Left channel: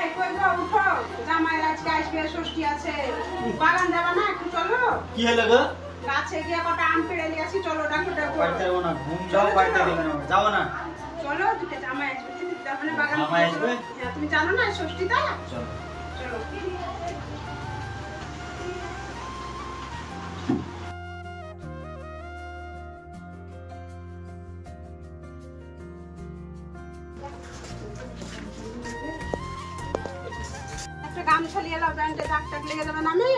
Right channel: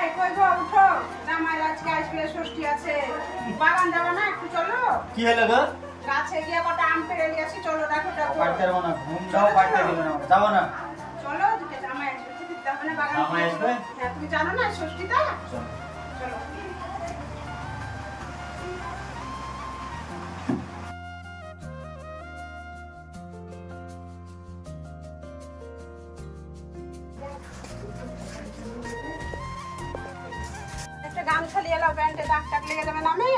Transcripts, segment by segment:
এই কই গো উঠো, জামাই আজকে আসবে, ষষ্ঠী আছে, বাগান যাবা না? একটু চলো। কি হলো গো? গাছে গিয়ে কটা আম পেড়ে নিয়ে আসি, চলো। ডাকো ডাকো। বাড়িতে যাবো না, ঘুম যাও, বাড়িতে দিবে না, যাবো না। চলো, দুটো জামাই আসবে, তুমি তাহলে বাগান। জামাই আসবে? হ্যাঁ, তুমি জানো না ষষ্ঠীটা? চলো চলো। একটা গামছা নিয়ে এলো, প্যান্টে দাগ টাগ লেগে যাবে না। আমি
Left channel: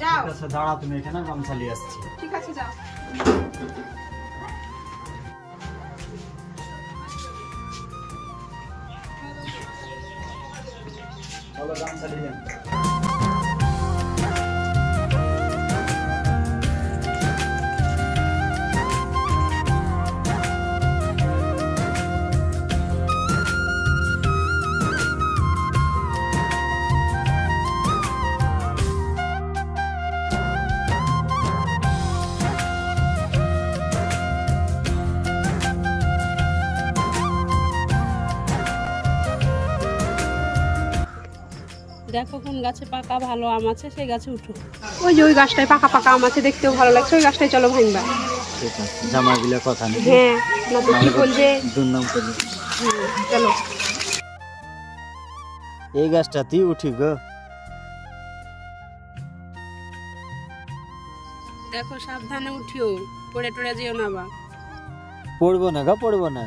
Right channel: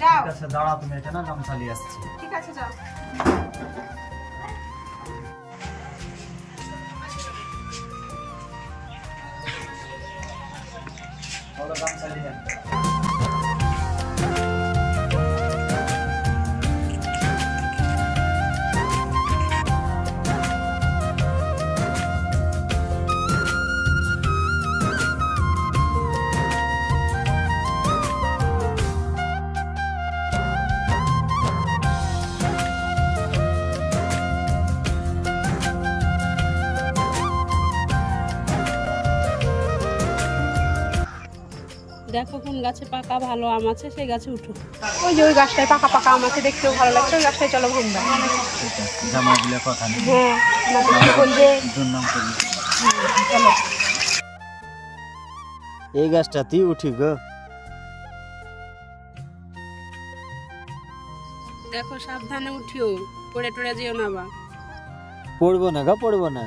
যাও। ঠিক আছে, দাঁড়াও তুমি এখানে, গামছা নিয়ে আসছি। ঠিক আছে, যাও। চলো, গামছা নিয়ে যান। দেখো কোন গাছে পাকা ভালো আম আছে, সেই গাছে উঠো। ওই যে ওই গাছটায় পাকা পাকা আম আছে, দেখতেও ভালো লাগছে, ওই গাছটায় চলো ভাঙবা। ঠিক আছে, জামাইগুলো কথা নেই। হ্যাঁ, না তো কি বলবে। দুর্নাম করবে। হ্যাঁ, চলো। এই গাছটাতেই উঠি গো। দেখো সাবধানে উঠিও, পড়ে টড়ে যেও না বা। পড়বো না গো, পড়বো না।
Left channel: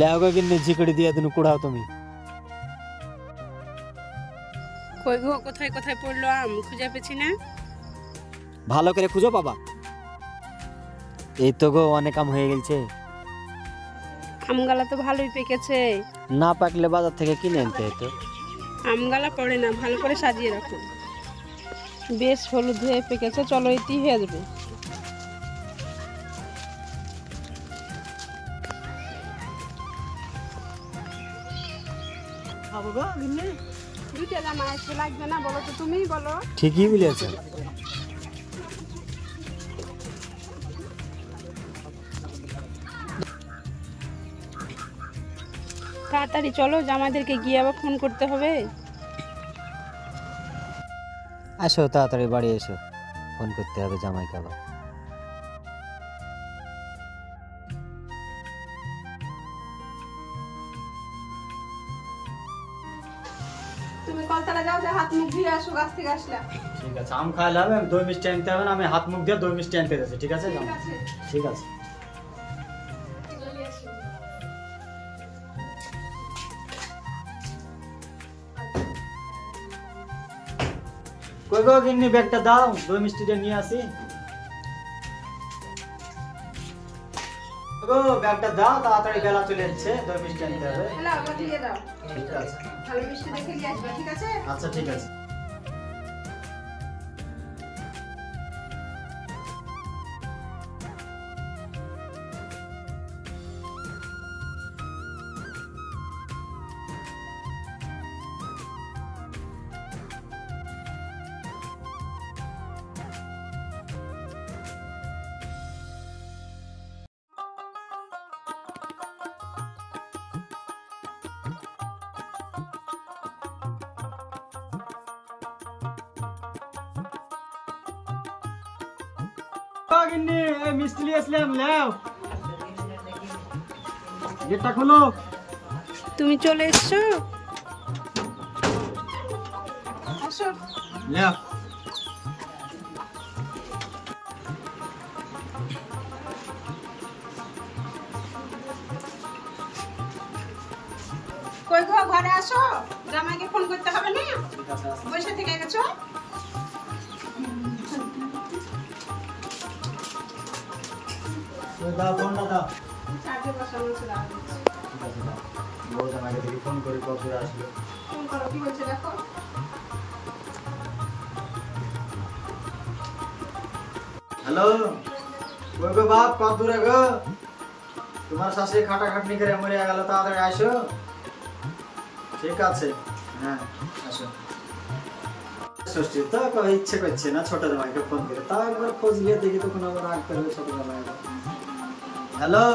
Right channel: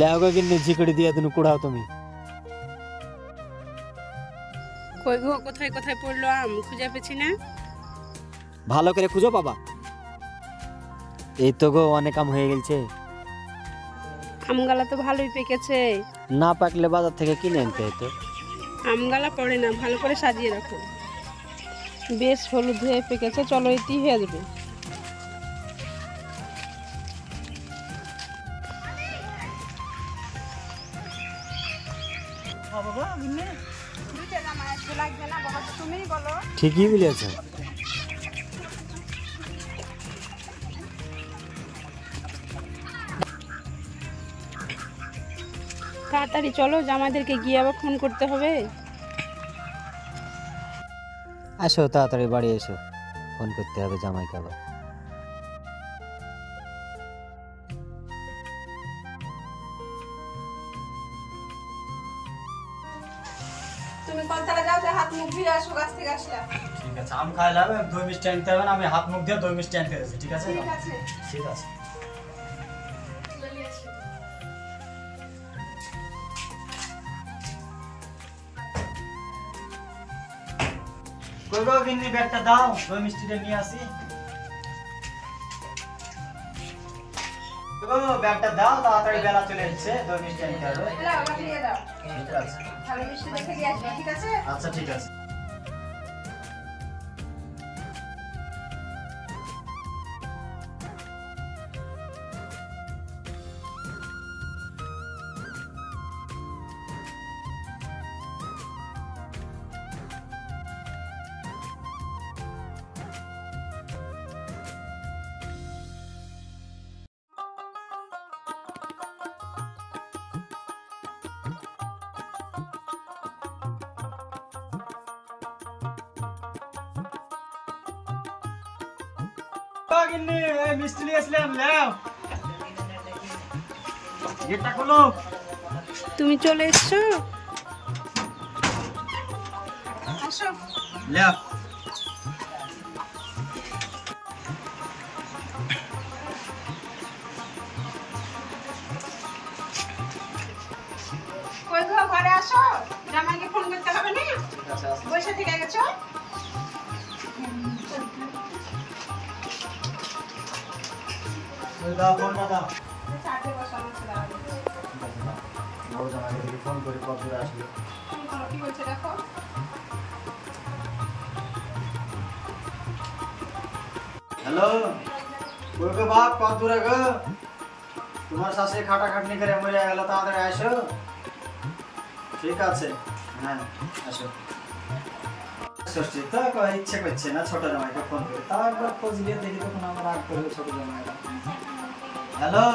লেগো কিনে ঝিকড়ি দিয়ে তুমি কুড়াও তুমি। কই গো, কোথায় কোথায় পড়লো আম, খুঁজে পেছি না। ভালো করে খুঁজো বাবা। এই তো গো, অনেক আম হয়ে গেছে। আমগালা তো ভালোই পেকেছে। না পাকলে বাজার থেকে কিনে আনতে হতো। আমগালা পড়ে না, ভালো করে সাজিয়ে রাখো। বেশ হলুদ হয়ে পেকেছে, চলো এটি হয়ে যাবে। লাগবে না, বলো তো, তুমিই বলো। ঠিকই বলেছ। তাড়াতাড়ি চলো, জামাইদেরকে গিয়ে আবার ফোন করতে হবে। আসো তাড়াতাড়ি বাড়ি এসো, ফোন করতে হবে জামাইকে আবার। তুমি কলতলা যাও, যে হাত মুখ ধুয়ে আসো, গাছ থেকে আসলা। ঠিক আছে, আম খাইলাম, দই মিষ্টি আনতে হবে না, আমি হাত মুখ দিয়ে দই মিষ্টি আনতে গেছি। ঠিক আছে, ঠিক আছে। কই গো গিন্নি, ব্যাগটা দাও, দই মিষ্টিটা নিয়ে আসি। গো ব্যাগটা দাও, তাড়াতাড়ি বেলা চলে যাচ্ছে, দই মিষ্টি আনতে হবে। নাও, ওটা দিয়ে দাও। ঠিক আছে। ভালো মিষ্টি দেখে নিয়ে আসবে, ঠিক আছে? আচ্ছা, ঠিক আছে। গিন্নি, এই মিষ্টি নিয়ে আসলাম, নাও। গেটটা খুলো। তুমি চলে এসছো, আসো। নাও। কই গো, ঘরে আসো, জামাইকে ফোন করতে হবে না, বসে থেকে গেছো। দাও, ফোন না দাও। চার্জে বসানো ছিল। ফোন করে কত আসবে। ফোন করো, কি বলছে দেখো। হ্যালো, কই গো বাপ, কত দূরে গো? তোমার শাশুড়ি খাটাখাটনি করে মরে গেল, তাড়াতাড়ি আসো। ঠিক আছে, হ্যাঁ আসো। ষষ্ঠী তো ইচ্ছে করছে না ছোট জামাইকে ফোন করে, তা একবার খোঁজ গিয়ে দেখি, তখন আবার রাগ করবে ছোট জামাইটা। হ্যালো,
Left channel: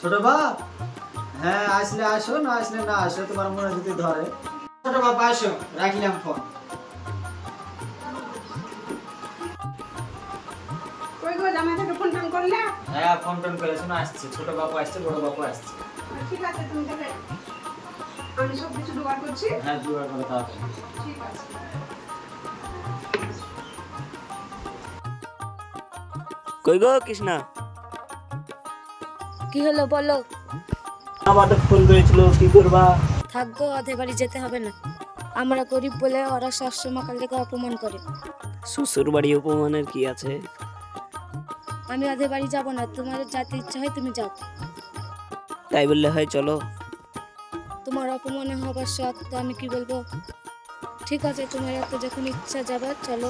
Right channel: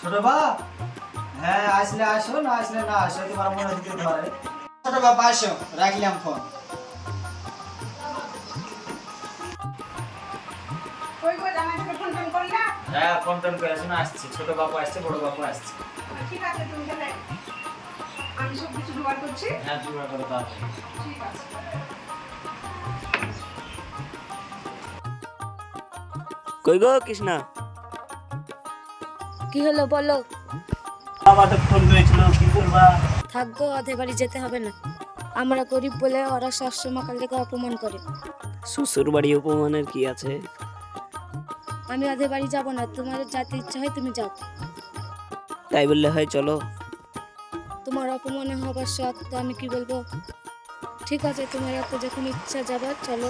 ছোট বাপ, হ্যাঁ আসলে আসো, না আসলে না আসো, তোমার মনে যদি ধরে। ছোট বাপ আসো, রাখলাম ফোন। কই গো জামাইকে ফোন টোন করলা? হ্যাঁ ফোন টোন করে আসো, আসছি। ছোট বাবু আসছে, বড় বাবু আসছে। ঠিক আছে, তুমি তাহলে আমি সব কিছু জোগাড় করছি। হ্যাঁ জোগাড় করে দাও। ঠিক আছে। কই গো কৃষ্ণা? কি হলো বলো? আবার তো ফোন করেছিল, কি করবা? থাকবো, ওদের বাড়ি যেতে হবে না। আমরা গরিব বলে ওরা সবসময় কালকে অপমান করে। শ্বশুর বাড়ি অপমানের কি আছে? আমি ওদের বাড়ি যাব না, তোমার যাতে ইচ্ছা হয় তুমি যাও। তাই বললে হয়, চলো। তোমার অপমান হবার শখ তো আমি কি বলবো। ঠিক আছে, তোমার এত যখন ইচ্ছা যাবার চলো।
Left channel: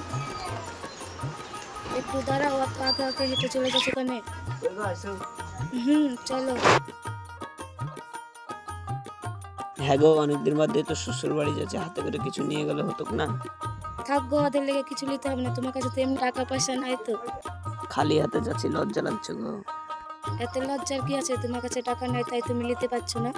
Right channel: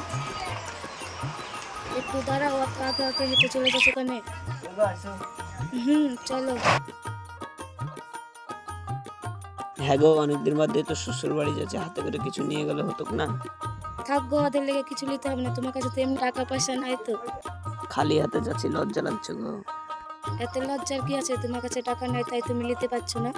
একটু দাঁড়াও, অত আগে আগে হেঁটে চলে যাচ্ছে কেন? চলো। হ্যাঁ গো, অনেকদিন বাদে তো শ্বশুর বাড়ি যাচ্ছে, হাতে করে কিছু নিয়ে গেলে হতো না? থাকবো, ওদের লেগে কিছু নিতে হবে না। তোমার কাছে তো এমনি টাকা পয়সা নাই তো। খালি হাতে যাচ্ছি, লজ্জা লাগছে গো। এত লজ্জার কি আছে? তোমার কাছে টাকা নাই তাই তুমি নিতে পারছো না।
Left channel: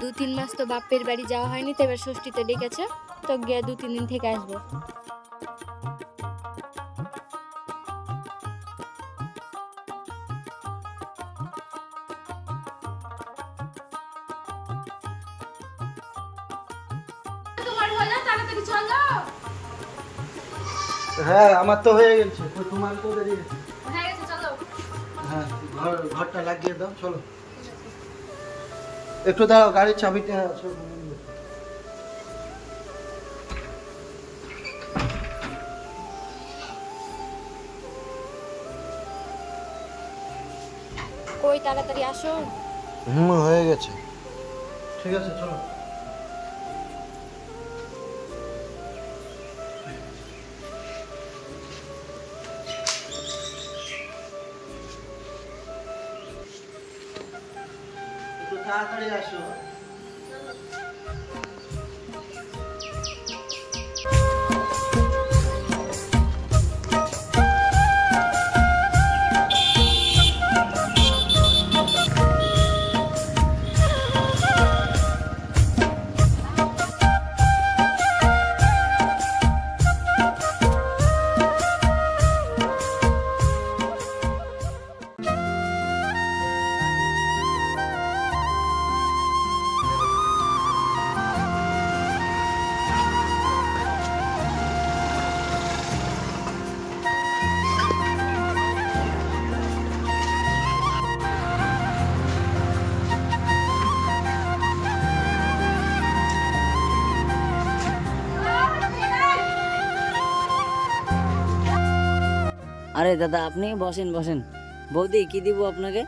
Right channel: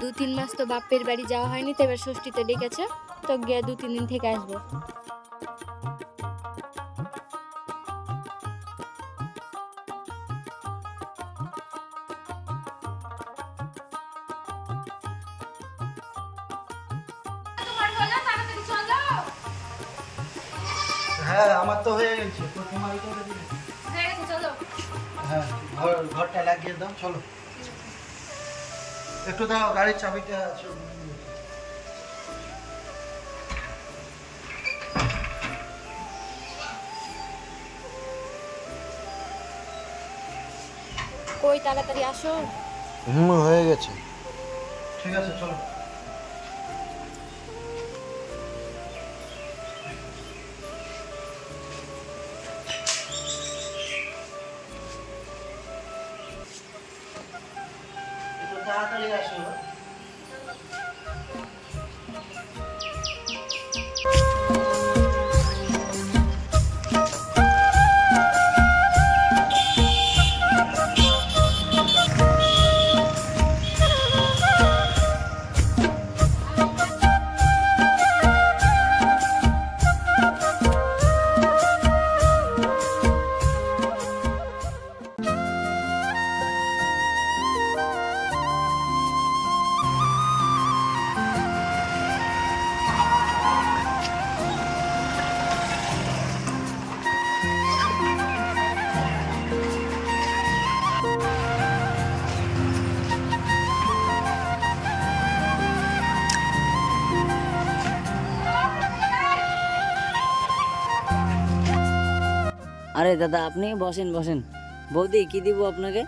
2-3 মাস তো বাপের বাড়ি যাওয়া হয়নি, তো এবার ষষ্ঠীতে ডেকেছে, তো গিয়ে 2-3 দিন থেকে আসবো। হ্যাঁ আমার তো হয়ে গেছে, তো তোমার তো দেরি। হ্যাঁ ঘরটা লাগিয়ে দাও, চলো। একটু দাঁড়াও, গাড়ির চাবিটা আছে। কই তাড়াতাড়ি আসো। হয়ে গেছে। ঠিক আছে চলো। একটু তাড়াতাড়ি আসো। আরে দাদা, আপনি বসেন বসেন। বৌদি, কি দিব আপনাকে?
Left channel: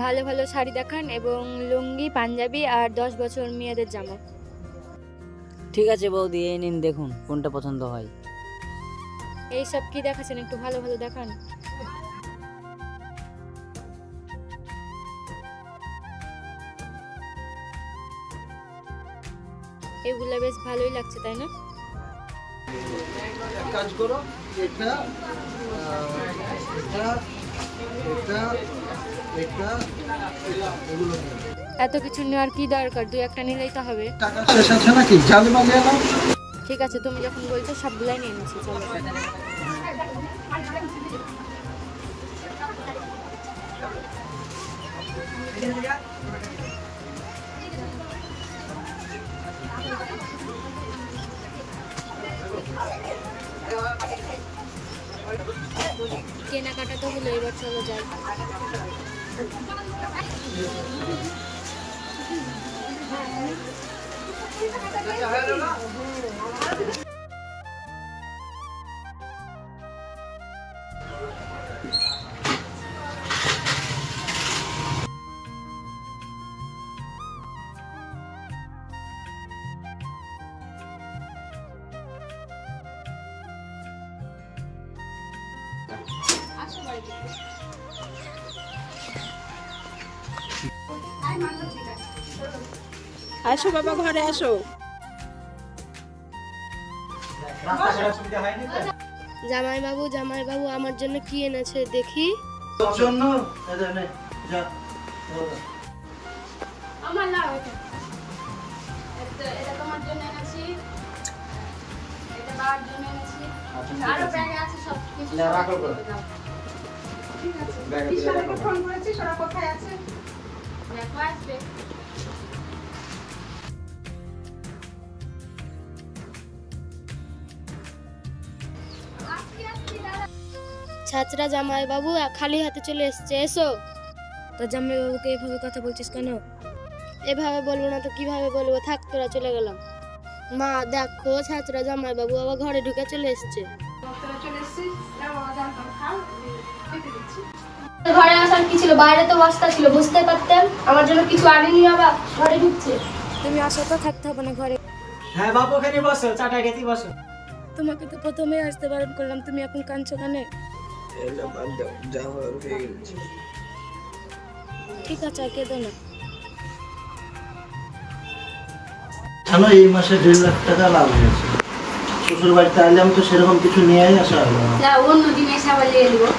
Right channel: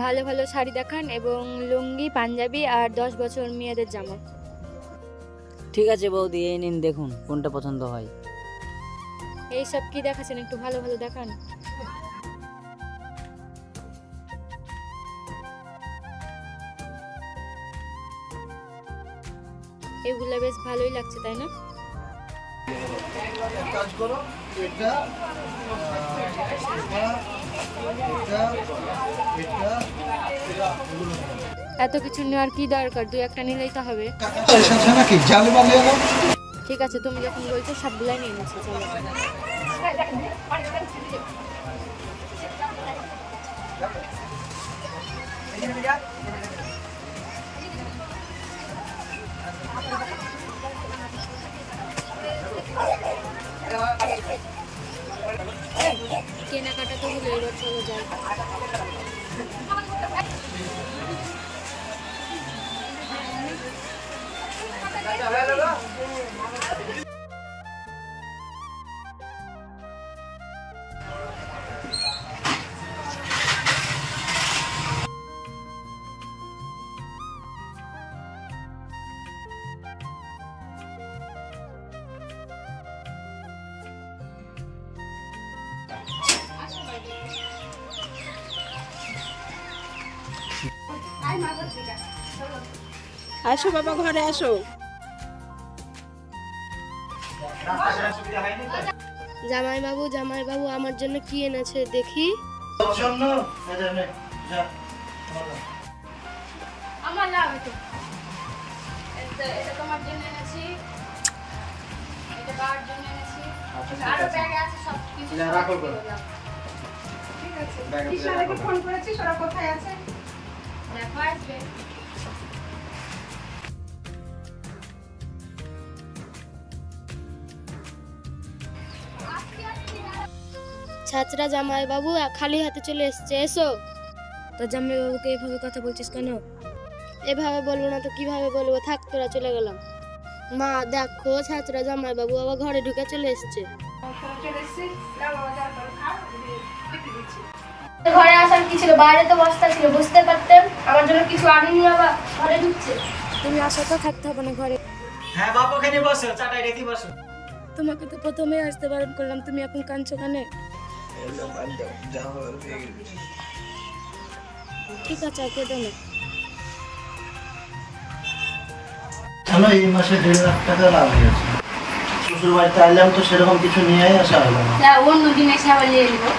ভালো ভালো শাড়ি দেখান এবং লুঙ্গি, পাঞ্জাবি আর 10 বছর মেয়েদের জামা। ঠিক আছে বৌদি, এই নিন, দেখুন কোনটা পছন্দ হয়। এইসব কি দেখাচ্ছেন? একটু ভালো ভালো দেখান। এগুলা বেশ ভালোই লাগছে, তাই না? এক কাজ করো, এটা এগুলো নিয়ে নাও। এত কিছু নেওয়ার কি দরকার? 2-1টা নিলেই তো হবে। টাকা শেষ আছে নাকি? জালে বালিয়ে নাও। ঠিক আছে, তুমি যখন বলছো সবগুলাই নিয়ে নিচ্ছি, চলো। কেনাকাটা তো হলো, এবার চলো যাই। আসো বাবা, ঘরে আসো। রাস্তাঘাট সুবিধা হয়নি তো? জামাই বাবু আমার জন্য কি এনেছে দেখি। তোর জন্য এটা নে, যা বলো। আমার নাম এটা তোমার জন্য এনেছি, এটা বাবার জন্য এনেছি, আরো ব্যাগে আছে সব কিছু। না, রাখো গো। ঠিক আছে, ব্যাগে কৃষ্ণাকে রাখো। ফোন করেছি, ওরা কোথায় আছে দেখো আসবে। ছাত্রা জামাই বাবু খালি হাতে চলে এসছে, এসো। তো জামাই বাবুকে এভাবে কথা বলছিস কেন? এভাবে বলবো না তো কিভাবে বলবো, থাক তোরা চলে গেলাম। মা দেখো ছাত্রা জামাই বাবু আবার ঘরে ঢুকে চলে এসছে। তোরা চলে এসেছিস, নাও বাবা যাও তোরা খাও, দেখে দিচ্ছি। ঘরে আসার কি ছিল, বাইরে তো বস্তা ছিল, বুঝতে পারতেন। আমার জন্য কিছু আনিনি, আবার ঘরে ঢুকছে। তুমি আসো তো, থাকতে হবে না ঘরে। হ্যাঁ বাপ, ওখানে বসো, চাটাই রেতে বসো। তোমাকে তো প্রথমেই আসতে বারণ করলাম, তুমি এখন কাঁদছো কেন? এগুলো বাদ দাও, যা হওয়ার হয়ে গেছে। ঠিক আছে, আর কেঁদো না। জানো এই মাসে 1.5 লাখ টাকা লাভ হয়েছে। শ্বশুর বাড়িতে আইলাম তো সেরকম কিছু নিয়েই আসা হলো না। যা অন্য দিন এসে আবার নিয়ে নেবো।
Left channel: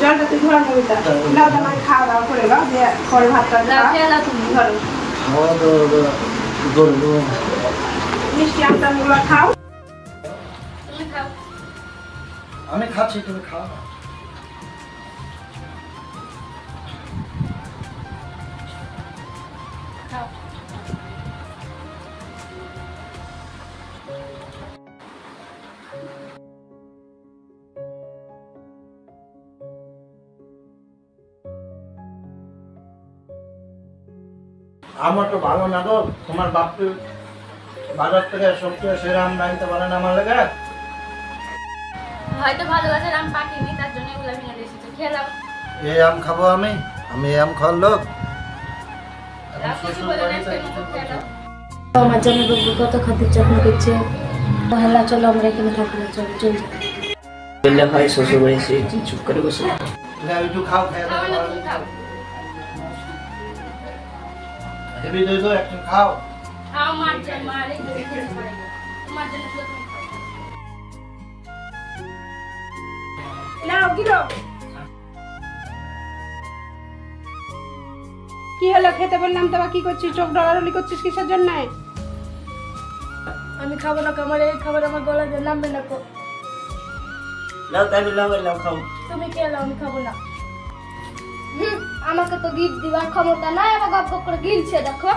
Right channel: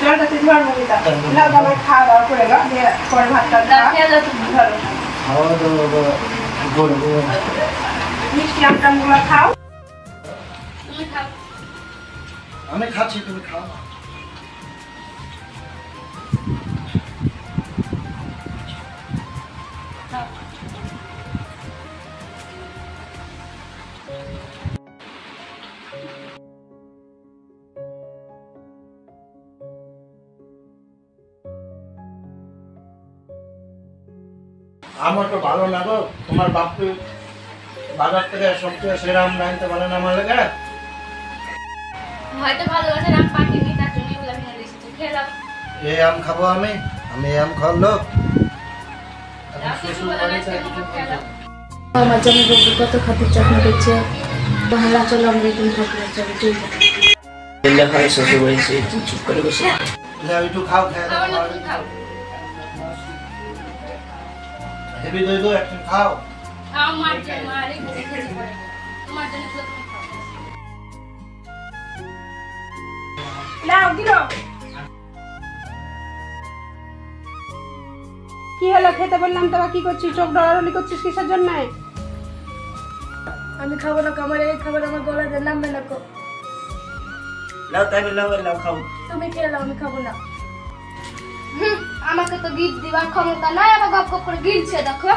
জলটা তুই ধর মমিতা, না বাবা খাওয়া দাওয়া করে গা, দিয়ে পরে ভাতটা খেয়ে দাও তুমি ঘরে। খাওয়া দাওয়া করবো। মিষ্টি আমটামগুলো খাও, তুমি খাও। আমি খাচ্ছি, তুমি খাও। আমার তো ভালো না গো, তোমার বাপকে বাজার থেকে সবচেয়ে সেরা আম আনতে পারে না আমার লেগে। হয়তো ভালোবাসার আম পাকিনি, তার জন্য এগুলো আমি নিয়ে এসেছি, খেয়ে দাও। এই আম খাবো আমি এই আম খাওয়ার লোক। এখন রাতে শ্বশুর বলে বাড়িতে রাখতে কিছু খেয়ে দাও। আমার জন্য রোগ কত খাতির যত্ন দিচ্ছে। তাহলে চলো আমরা এখানে ঠাকুর চলে যাই। এলে হয় শ্বশুর বাড়ি, সে চুপ করে বসে। নাও একটু খাও, খেয়ে দাও। খাও না, তুমি খাও। হেভি দই দো একটু খাও। খাও, মার যায়, মার এই বসে খেতে পারে না। তোমার জন্য তো তুমি খাও। নাও দিলো। কি হলো, খেতে বললাম তো আবার কি করছিস, চোখ ডরাডরি করছিস কিসের জন্য? আমি খাবো না, আমার এই খাবার আমার গলায় নামবে না। লাও তাই লাও, লাও খাও। তুমি কে এলো, আমি খাবো না। আমাকে তো গিফট দিবার ক্ষমতা নাই, আবার গপ গপ করে গিলছে দেখো।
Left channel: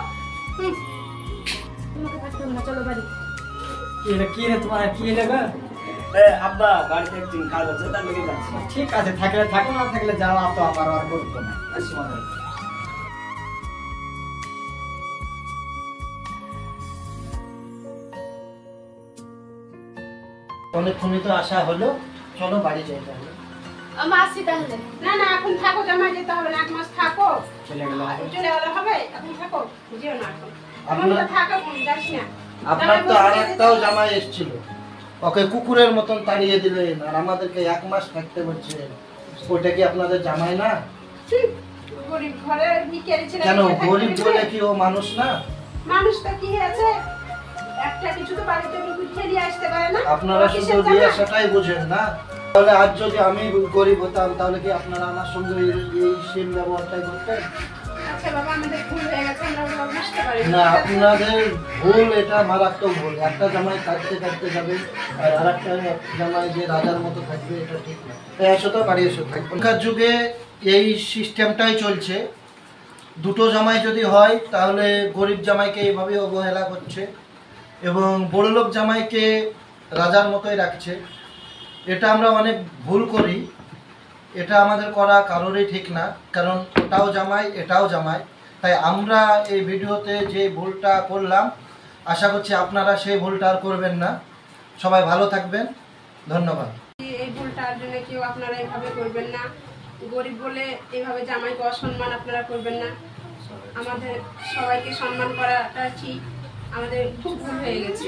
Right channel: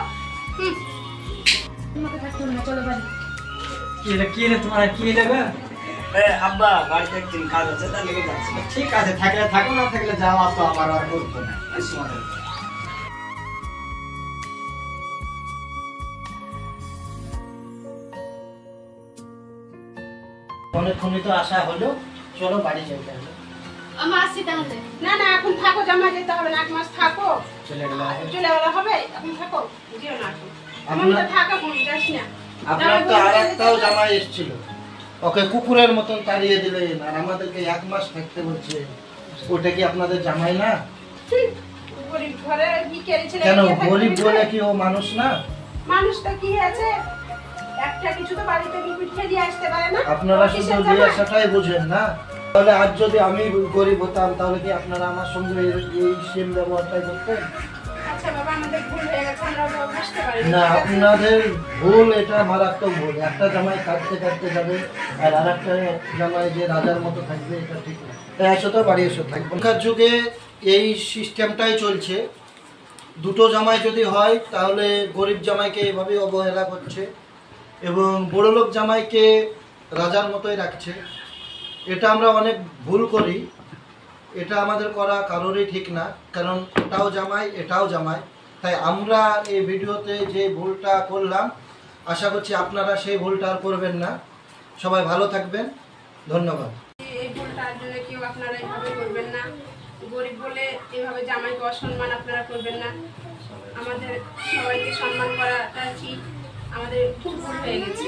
তোমাকে থাকতে হবে না, চলো বাড়ি। কি রে তোমার কি লাগবে? আব্বা বাড়িতে একদিন কাজ আছে, তার লেগে যাচ্ছি। ঠিক আছে, থাকলে থাকো, না থাকলে যাও, তো আমার আর বলবো না। অনেকক্ষণই তো আসা হলো, চলো বাড়ি যাই তাহলে। আমি আসছি তাহলে। না না, এখন থাকো, জামাই যেতে হবে না, 1 মাস থাকো। চলে গেলে হবে। চলে গেলে হবে, এখন থাকো, যেও না এখন। আপনার- এখন তো থাকো, যাস না। আপনার তো আর একটাও জামাই এসেছিল, ওকে কুকুরের মতন তাড়িয়ে দিলেন, আর আমাদেরকে 1 মাস থাকতে বলছে। ওটা কি আপনাদের জামাই না? গরিব ঘরে ভিখারি ছেলে। কেন গরিব বলে কি ও মানুষ না? মানুষটা কি আছে, একটা কিছু তো বাড়িতে উঠে দিয়ে আসতে পারে না। আপনারা ও শুধু কিসের দিয়ে জামাই? সেটাই বুঝেন না। তাহলে আজ যদি আমি গরিব হতাম, তাহলে কি আপনারা আমার সঙ্গে এই সেম ব্যবহারটাই করতেন? আচ্ছা বাবা, আমাদের ভুল হয়ে গেছে, আমরা বুঝতে পারি না, আপনাদের ভুল, এটা মারাত্মক ভুল। একটা জামাই কাটতে কাটতে যাবে, আর আরেকটা জামাই যে রাজার মতো থাকবে, এটা ঠিক না। তাই আসো তো, বাড়ি এসো, থাকবে। এখনকার যুগে এই সিস্টেমটাই চলছে। দুটো জামাই যদি হয়, তাহলে গরিব জামাইকে এইভাবে অবহেলা করছে এবং বড়লোক জামাইকে রাজার মতোই রাখছে। এটা আমরা অনেক ভুল করি, এটা আমাদের করা কারোরই ঠিক না, কারণ ওটাও জামাই এটাও জামাই। তাই আমরা এই ভিডিওতে যে ভুলটা করলাম, আশা করছি আপনারা সেই ভুলটা আর করবেন না। সবাই ভালো থাকবেন, ধন্যবাদ। এই ভুলটার জন্য কেউ আপনারা এভাবে করবেন না। গরিব বলে এভাবে জামাইকে অসম্মান আপনারা করবেন না। আমাদের সবাইকে সম্মান করাটা ঠিক, আমাদের খুব ভুল হয়ে গেছে।